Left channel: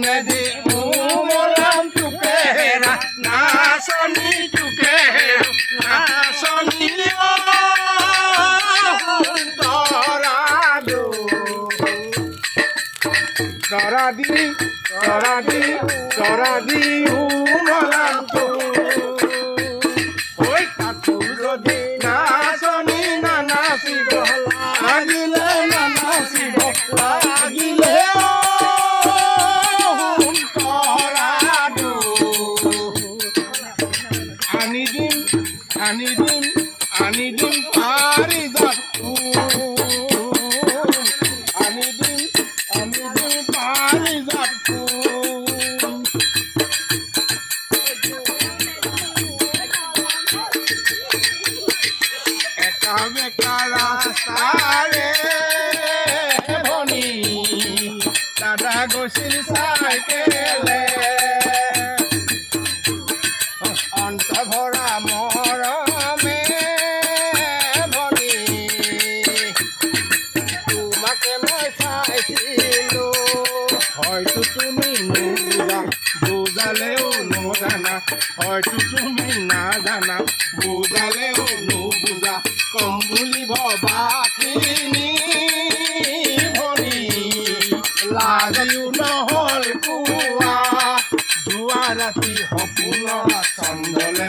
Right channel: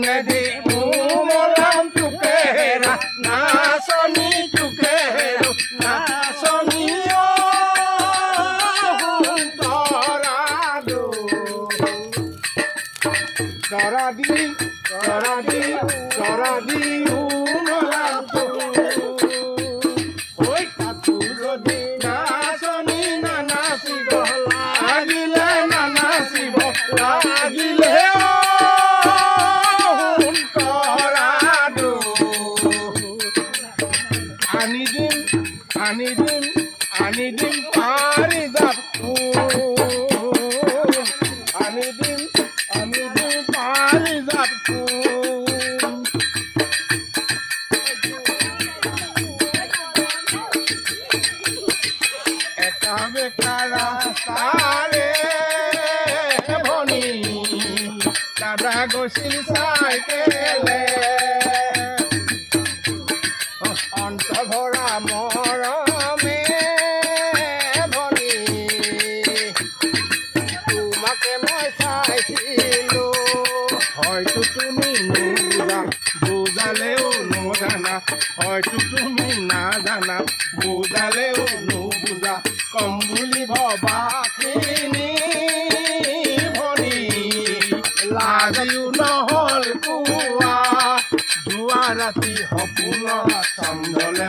নদী মলাম চুকের নাচনি চুকের নাচনি তরাদি মলাম ওই কাকু যদি নাচনি না নাচিব লাগিলে না নাচিব লাগিলে আনি দিম পারি যাব আনি দিম পারি যাব একা বেকা রাস্তারে ভনী দাদা গৈছিল চাইকেলে অন্তভৰা মৰমে ভনী তোমাকে মই চাইছিলো হয়তো তুমি নুবুজা বুজালেও নজানা হয়তো তুমি নাজানা বুজালেও নুবুজা কম বুলি ভবাখিনি ভনী লাগিও নহ'ল কোৱা যোৱা ৰাতি সপোনৰ চন্দলে